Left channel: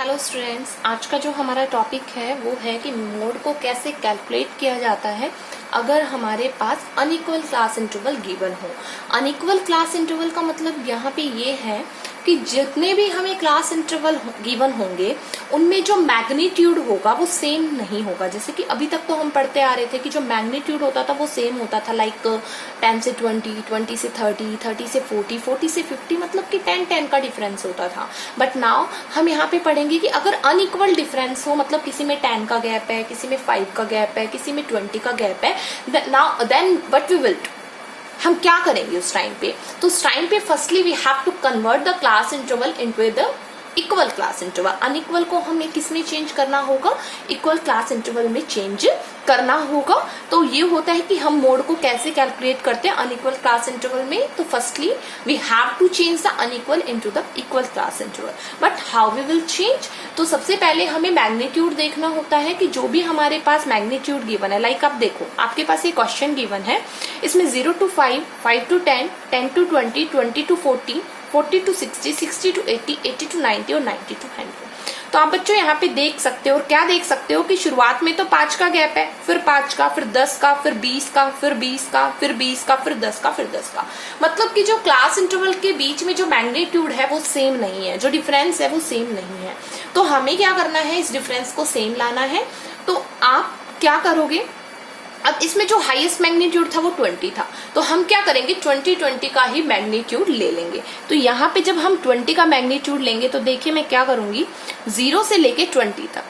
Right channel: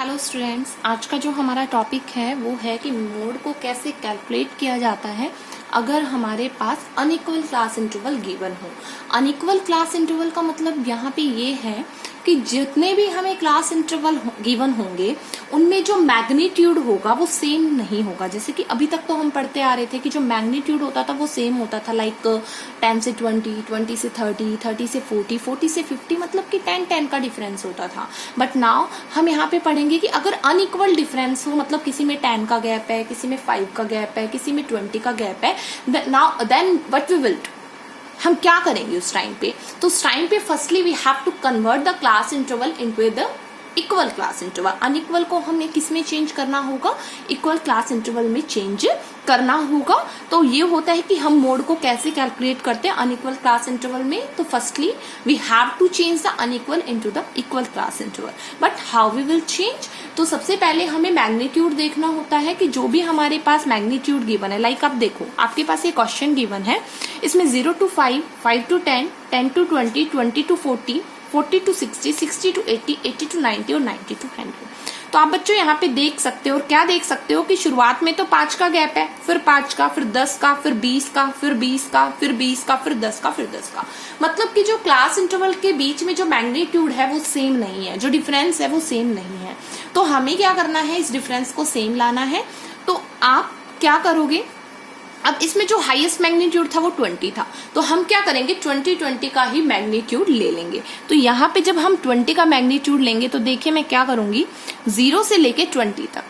Hello students, आज का जो हमारा टॉपिक है वो है कि मोड को कैसे कैलकुलेट किया जाता है अगर हमारे पास अनइक्वल क्लास इंटरवल गिवन हो। अनइक्वल क्लास इंटरवल का मतलब यहाँ पे ये है कि जितने भी हमें क्लास इंटरवल गिवन होंगे उनमें जो मैग्नीट्यूड होगा वो सेम नहीं होगा। जैसे कि अभी तक तो हम पढ़ते आ रहे थे कि जो मैग्नीट्यूड होता था वो सेम होता था, लाइक 10 से 20, 20 से 30, 30 से 40, 40 से 50, मतलब कि 10 का डिफरेंस होता था। बट नाउ हम यहाँ पे पढ़ेंगे कि अगर अनइक्वल डिफरेंस हो, मतलब किसी में 10 का गैप है, किसी में 5 का गैप है, किसी में 20 का गैप है, then what we will do, हम क्या करेंगे उस टाइम पे। तो उस टाइम पे firstly we have to convert the class interval into the equal class interval. Unequal को हमें किस में चेंज करना होगा, इक्वल क्लास इंटरवल में चेंज करना होगा। तो ये होता है कि हम मोड को कैसे कैलकुलेट करते हैं अनइक्वल क्लास इंटरवल में। तो firstly we have to change the unequal into the equal class interval. But how we will change, तो सबसे पहले हमें मैग्नीट्यूड देखना होता है कि जो भी हमारे पास मैग्नीट्यूड गिवन है, लाइक आप देखो आपके पास ये क्वेश्चन गिवन है, इसमें 0 to 5, 5 to 10, 10 to 20, 20 to 40, 40 to 60, 60 to 80, 80 to 90 और 90 to 100। तो आप बच्चों यहाँ पे देख सकते हो, और क्या देख सकते हो कि शुरुआत में तो 5 का गैप है, फिर 5 का, फिर 10 का, फिर 20 का, फिर 20 का, फिर 20 का, फिर 10 का, फिर 10 का। मतलब कि जो क्लास इंटरवल के बीच में जो मैग्नीट्यूड है वो सेम नहीं है, जो डिफरेंस है वो सेम नहीं है। तो हमें क्या करना है, इस डिफरेंस को सेम लाना है। तो आप क्या करोगे, अब इसमें जो हाईएस्ट मैग्नीट्यूड था वो 20 था, तो हम क्या करेंगे 20 का ही मैग्नीट्यूड ले लेंगे। तो यहाँ पे जब हम 20 का मैग्नीट्यूड लेंगे तो देखिए मैं क्या करूंगी, 0 से लेके 20 तक।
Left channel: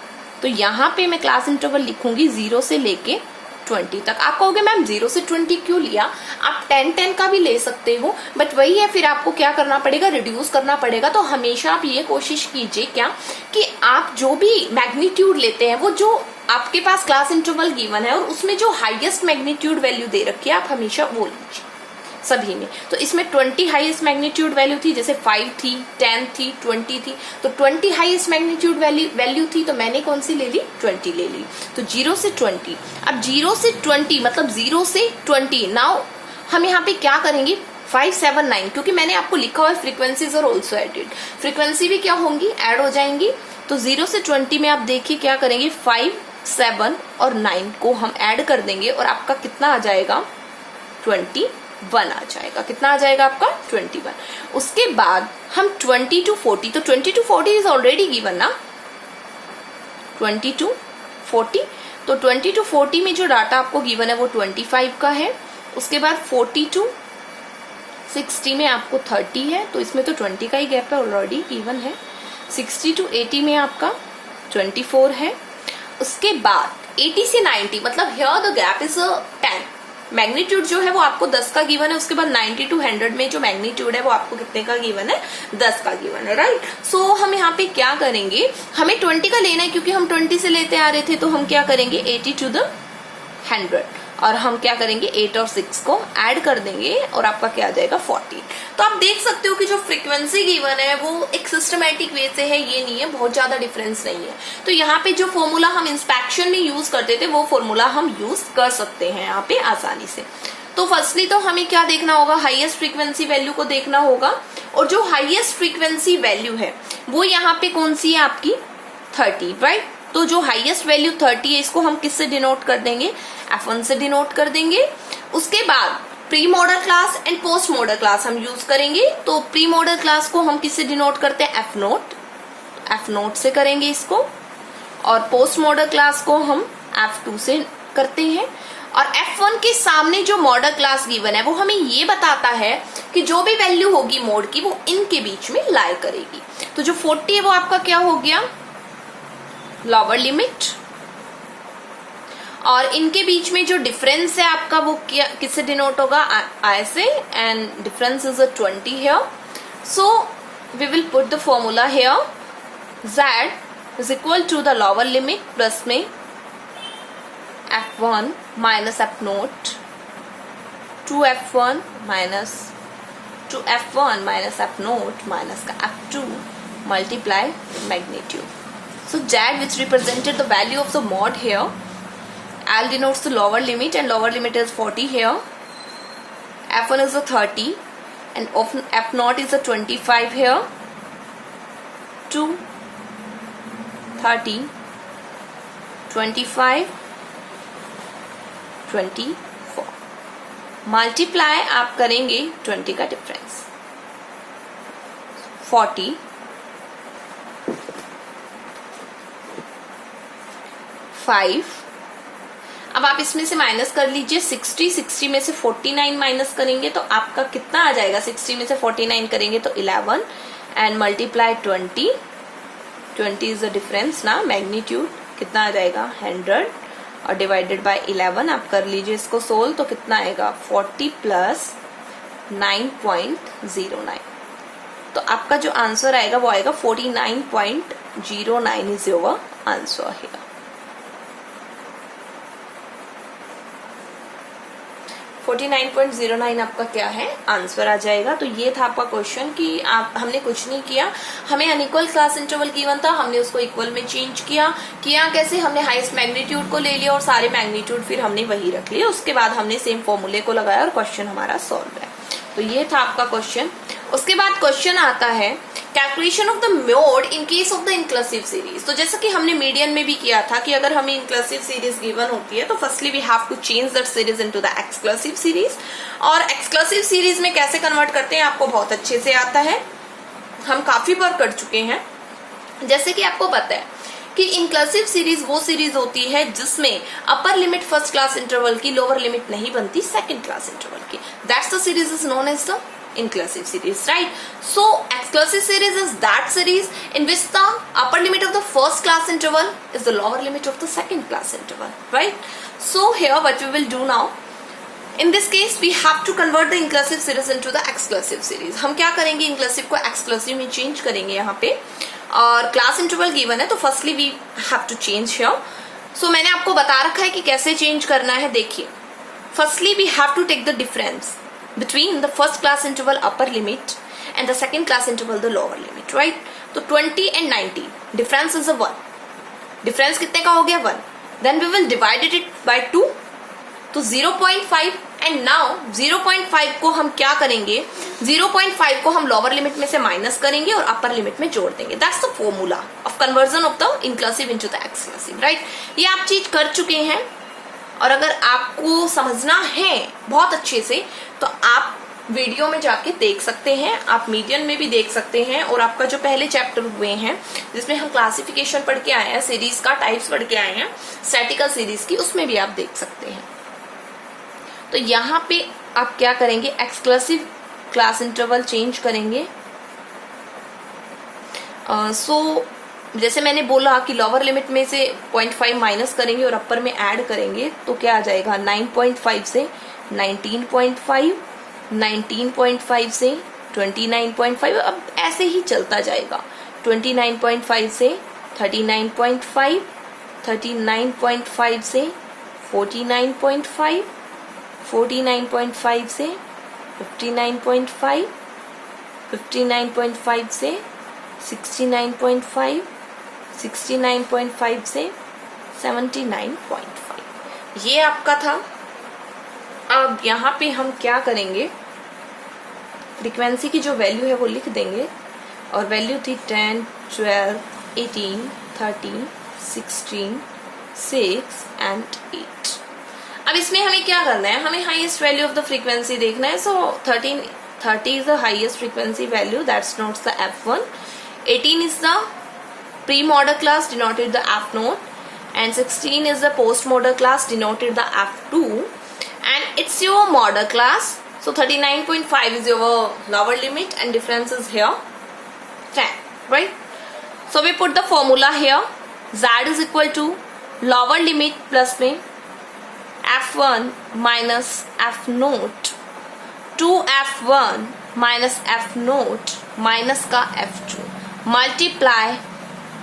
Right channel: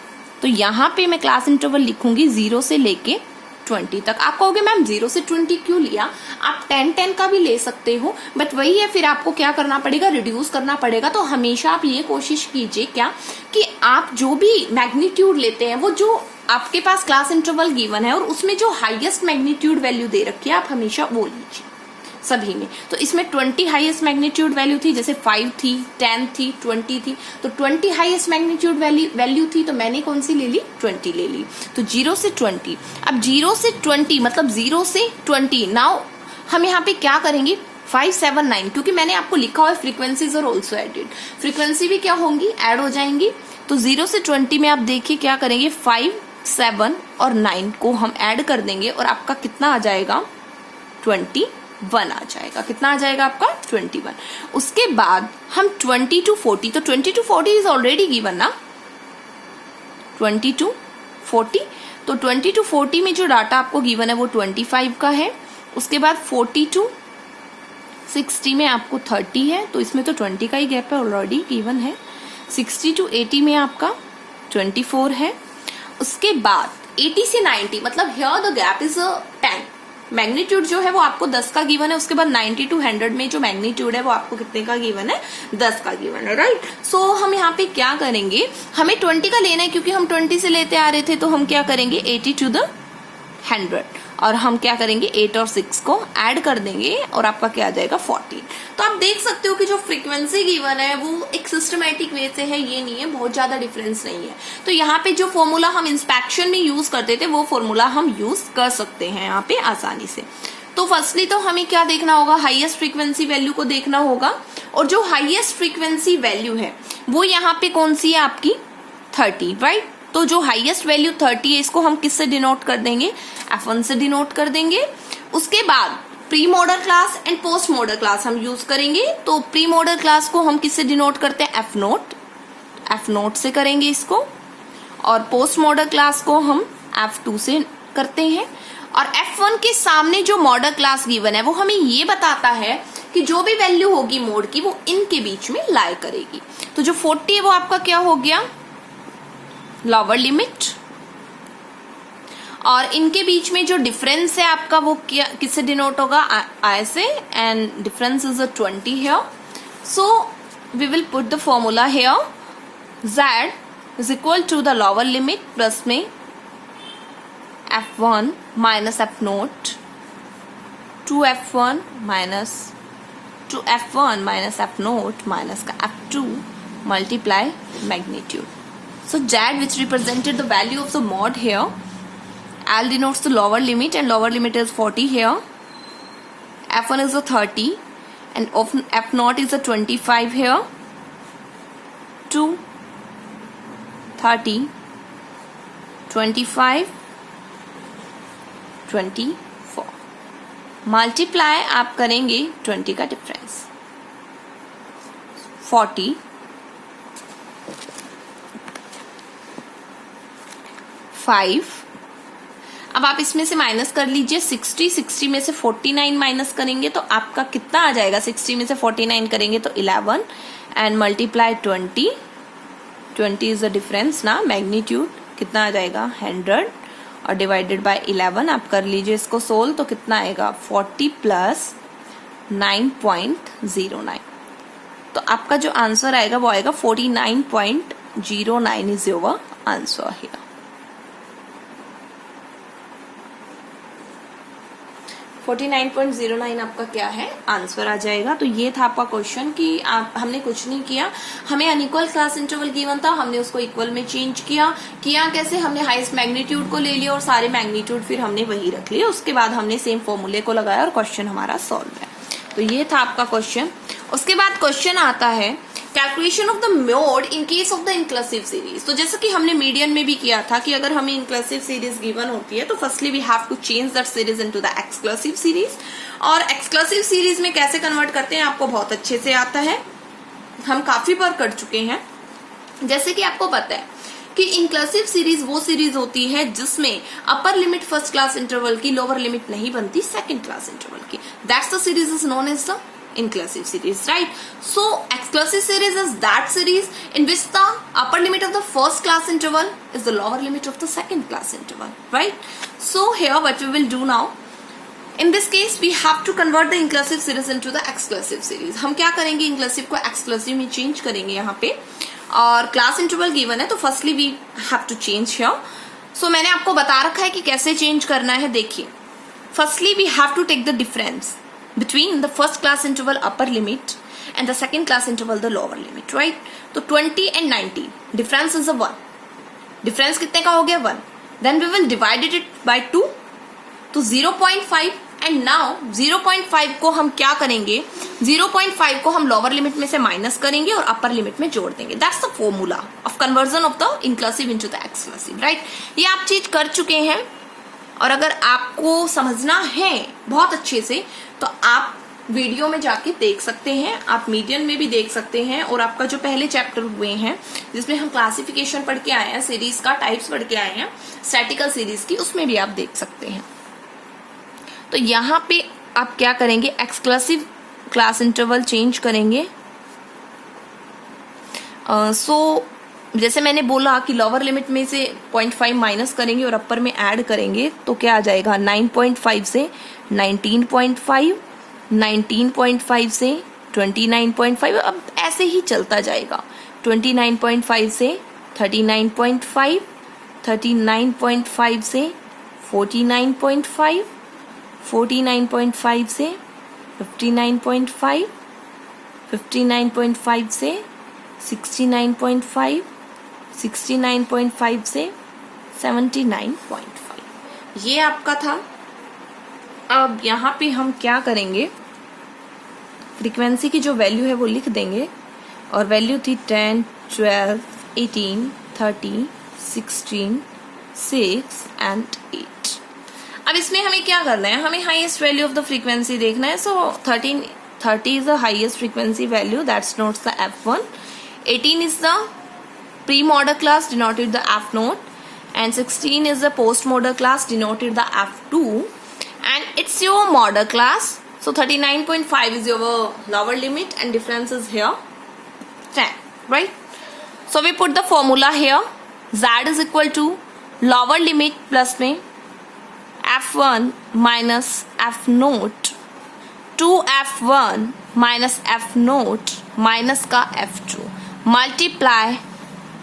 तो यहाँ पे मैं क्लास इंटरवल लिखूंगी 0 से लेके 20 तक। आप कहोगे मैम 0 से 20 क्यों लिया, आप 10 का भी ले सकते हो, बट वही है फिर आपको क्या करना पड़ेगा, रिड्यूस करना पड़ेगा। तो हमेशा आप ये कोशिश कीजिए क्या कि आप जो भी मैग्नीट्यूड लेते हैं वो जो आपके पास क्लास इंटरवल गिवन है और उसमें जो हाईएस्ट मैग्नीट्यूड वैल्यू दे रखी है आप हमेशा वो लीजिए सभी में। तो इसमें 20 हाईएस्ट मैग्नीट्यूड वैल्यू थी, जैसे 5 थी, 10 थी, 20 थी, तो 20 हाईएस्ट मैग्नीट्यूड वैल्यू थी, तो मैंने कौन सी ले ली, 20 ले ली। तो 0 से 20, अब 0 से 20 मतलब 0 से 20। नाउ हम यहाँ पे क्या करेंगे, 5, 7, 9, क्योंकि मैंने आपको लिखा हुआ फ्रीक्वेंसीज और ऑल्सो एडेड, फ्रीक्वेंसी भी क्या होंगी, एड हो जाएंगी। तो 0 से 20 में आप देखिए क्या करेंगे, 5, 7 और 9 को हम ऐड कर देंगे और आपका कितना आ जाएगा, 21 आ जाएगा। कितना आ जाएगा आपका, 21। उसके बाद हम 20 to 40, तो 20 to 40 इज ऑलरेडी गिवन ना, 20 to 40। तो 20 to 40 में जो डाटा आपको गिवन है वो 25 का है। उसके बाद 40 to 60 में आपको 30 है, तो इसमें तो 20 का ही गैप है, ऑलरेडी गिवन है। 60 to 80 में आपका 24 है। उसके बाद 80 से 90 मतलब here the gap is 10। Magnitude जो है वो आपको 10 का गिवन है। उसके बाद 90 to 100 में जो मैग्नीट्यूड है वो आपको कितने का गिवन है, 10 का गिवन है, राइट। सो हम यहाँ पे क्या करेंगे, हमें 20 का लेना है क्योंकि हम 20 से लेते आ रहे थे, तो हम क्या करेंगे 80 to the 100, और हम क्या करेंगे 8 और 6 को ऐड कर देंगे और आपका क्या आ जाएगा 40। तो आप देख सकते हो कि जो फ्रीक्वेंसी गिवन है वो एक सिस्टमैटिक वे से है, ये नहीं है बहुत ज्यादा डिफरेंस नहीं है। तो यहाँ पे जो फॉर्मूला हम इंस्पेक्शन में यूज करते थे वो फॉर्मूला हम यूज कर सकते हैं यहाँ पे आसानी से। तो फर्स्टली तो हमें क्या देखना होगा, हाईएस्ट फ्रीक्वेंसी वैल्यू को देखना होगा, और जो हाईएस्ट फ्रीक्वेंसी वैल्यू है वो यहाँ पे कौन सी है आपकी 30, राइट। तो जो हाईएस्ट वैल्यू 30 है इसको हम किससे डिनोट कर देंगे, F1 से डिनोट कर देंगे। उसके बाद pre model class and post model class हम यूज करेंगे। तो प्री मॉडल क्लास को हम किससे डिनोट करते हैं, F0 से करेंगे इसको, और पोस्ट मॉडल क्लास को हम F2 से करते हैं। और F1 के सामने जो मॉडल क्लास गिवन है वो हमें ये बताता है कि जो भी वैल्यू होगी मोड की वो इनके बीच में लाई करेगी। तो जो 40 है वो आपका क्या हो गया, लोअर लिमिट, और इनके बीच में जो डिफरेंस है आपका वो किससे डिनोट होगा, I say, and difference is 20 here. So we will put the formula here, z is equal to the lower limit plus में F1 minus F0 to F1 minus F0 minus का F2 multiply magnitude. So Z, which represented the value of the mod here, L denotes the lower limit and lower limit is 40 here. F1 is the 30 and F0 is the 25 here. 2 30, 25, 24। Multiply आप करेंगे 20 का difference, 40, 5। अब आप इसमें से minus कर लीजिए 60 में से 49 माइनस करेंगे तो आपका कितना आ जाएगा, 60 में से 49 करेंगे तो 11 and multiply 20 is the difference ना, मैग्नीट्यूड कितना आ जाएगा 100 और डिवाइडेड बाय 11 आप कर लीजिए इसको सोल्व तो कितना आएगा 40 प्लस 9.09। तो आपका जो आंसर आएगा वो आएगा 49.09 इज योर आंसर हियर। 49.09 आपका क्या है आंसर आ जाएगा। तो ये था आपका क्वेश्चन कि हमने कुछ नहीं किया, हमें अनइक्वल क्लास इंटरवल गिवन था, हमने उसको इक्वल में चेंज किया कैसे, हमने हाईएस्ट मैग्नीट्यूड को ले लिया और सारे मैग्नीट्यूड फिर हमने वही रख लिए, उसके बाद हमने सेम फॉर्मूले को लगाया और क्वेश्चन हमारा सॉल्व है। तो ये था आपका क्वेश्चन। उसके बाद क्वेश्चन आता है calculation of the mode in case of the inclusive series. तो जैसे कि हमने मीडियन में भी किया था कि अगर हमें इंक्लूसिव सीरीज गिवन होती है तो firstly we have to change that series into the exclusive series. और एक्सक्लूसिव सीरीज में कैसे कन्वर्ट करते हैं आपको बहुत अच्छे से आता है, हम काफी बार कर चुके हैं। जैसे कि आपको पता है कि इंक्लूसिव सीरीज वो सीरीज होती है जिसमें upper limit first class interval की लोअर लिमिट नहीं बनती सेकंड क्लास इंटरवल की, that's the series is known as the inclusive series, right? So exclusive series is that series in which the upper limit of the first class interval is the lower limit of the second class interval, right? So here what we will do now, in this case we have to convert the inclusive series into the exclusive series। हम क्या करेंगे, inclusive को exclusive में change करेंगे यहाँ पे, और class interval given है तो firstly we have to change here। So मैंने आपको बता रखा है कि कैसे change करना है। देखिए, firstly we have to take the difference between the first class interval upper limit and the second class interval the lower limit, right? तो 20 and 90 difference is a 1, difference कितने का हो गया 1, then we will divide it by 2 तो 0.5 and now 0.5 को हम क्या करेंगे, 0.5 को हम लोअर लिमिट में से माइनस करेंगे और अपर लिमिट में जोड़ देंगे। That's the formula of conversion of the inclusive into the exclusive, right? ये आप चीज कर चुके हैं और अगर आपको समझना है बहुत अच्छे से तो आप वीडियो में जाके देख सकते हैं, आप मीडियन में भी देख सकते हैं, और आपका जो पहले चैप्टर हुए हैं जिसमें हम क्लासिफिकेशन पढ़ के आए हैं, सीरीज का टाइप्स पढ़ के आए हैं स्टैटिकल सीरीज की, उसमें भी आप देख सकते हैं। तो यहाँ पे आप क्या करेंगे, एक्सक्लूसिव क्लास इंटरवल चेंज करेंगे। जैसे मैंने बोला कि लोअर लिमिट में से 0.5 माइनस करेंगे और अपर में ऐड करेंगे तो क्या आ जाएगा, 9.5 से 19.5, 19.5 से 29.5, अब ऐसे ही चलता जाएगा। 29.5 से 39.5, 39.5 से 49.5, 49.5 से 59.5, 59.5 से 69.5, 69.5 से 79.5। ये आपका था। अब यहाँ पे हम क्या करेंगे, फ्रीक्वेंसी की जो वैल्यू है वो लिख देंगे, और वैल्यू थी 10, 12, 18, 30, 16, 6 एंड 8। अब इसमें हमें क्या करना है, हमें highest value of the frequency देखना है। सो 30 is the highest frequency value, that's notes the F1, 18 is the pre-modal class denoted the F note, and 16 is the post-modal class denoted the F2, and it's your modal class. So 39.5 is your lower limit and difference is here 10, right? So we put the formula here, Z is equal to lower limit plus में F1 minus F note 2F1 minus F note minus का F2 multiply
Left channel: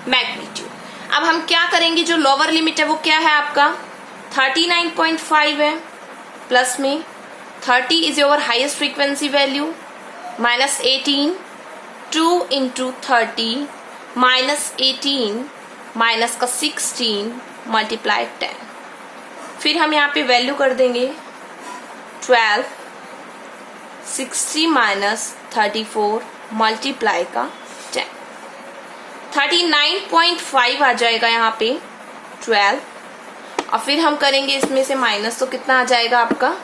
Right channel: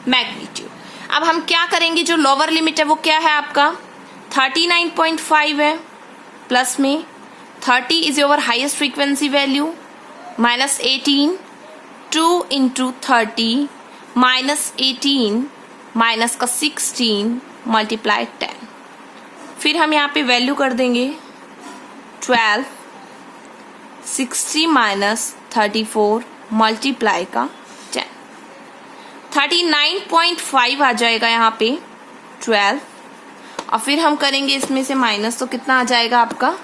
magnitude. अब हम क्या करेंगे, जो lower limit है वो क्या है आपका 39.5 है, प्लस में 30 is your highest frequency value, minus 18, 2 into 30 minus 18 minus का 16 मल्टीप्लाई 10। फिर हम यहाँ पे वैल्यू कर देंगे 12, 60 माइनस 34 मल्टीप्लाई का 10। 39.5 आ जाएगा यहाँ पे 12, और फिर हम करेंगे इसमें से माइनस, तो कितना आ जाएगा आपका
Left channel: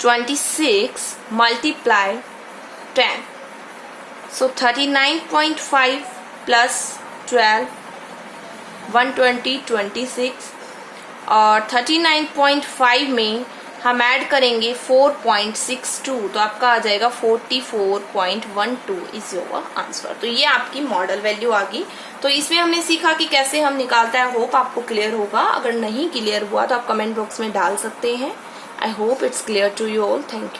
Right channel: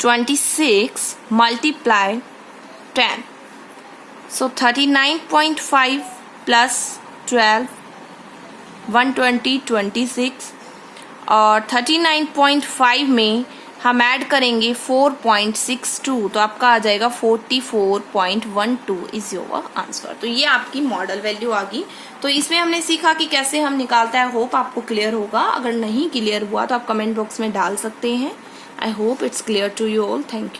26 मल्टीप्लाई 10, सो 39.5 प्लस 12 120 26, और 39.5 में हम ऐड करेंगे 4.62, तो आपका आ जाएगा 44.12 इज योर आंसर। तो ये आपकी मॉडल वैल्यू आ गई। तो इसमें हमने सीखा कि कैसे हम निकालता है। होप आपको क्लियर होगा। अगर नहीं क्लियर हुआ तो आप कमेंट बॉक्स में डाल सकते हैं। I hope it's clear to you all. Thank you.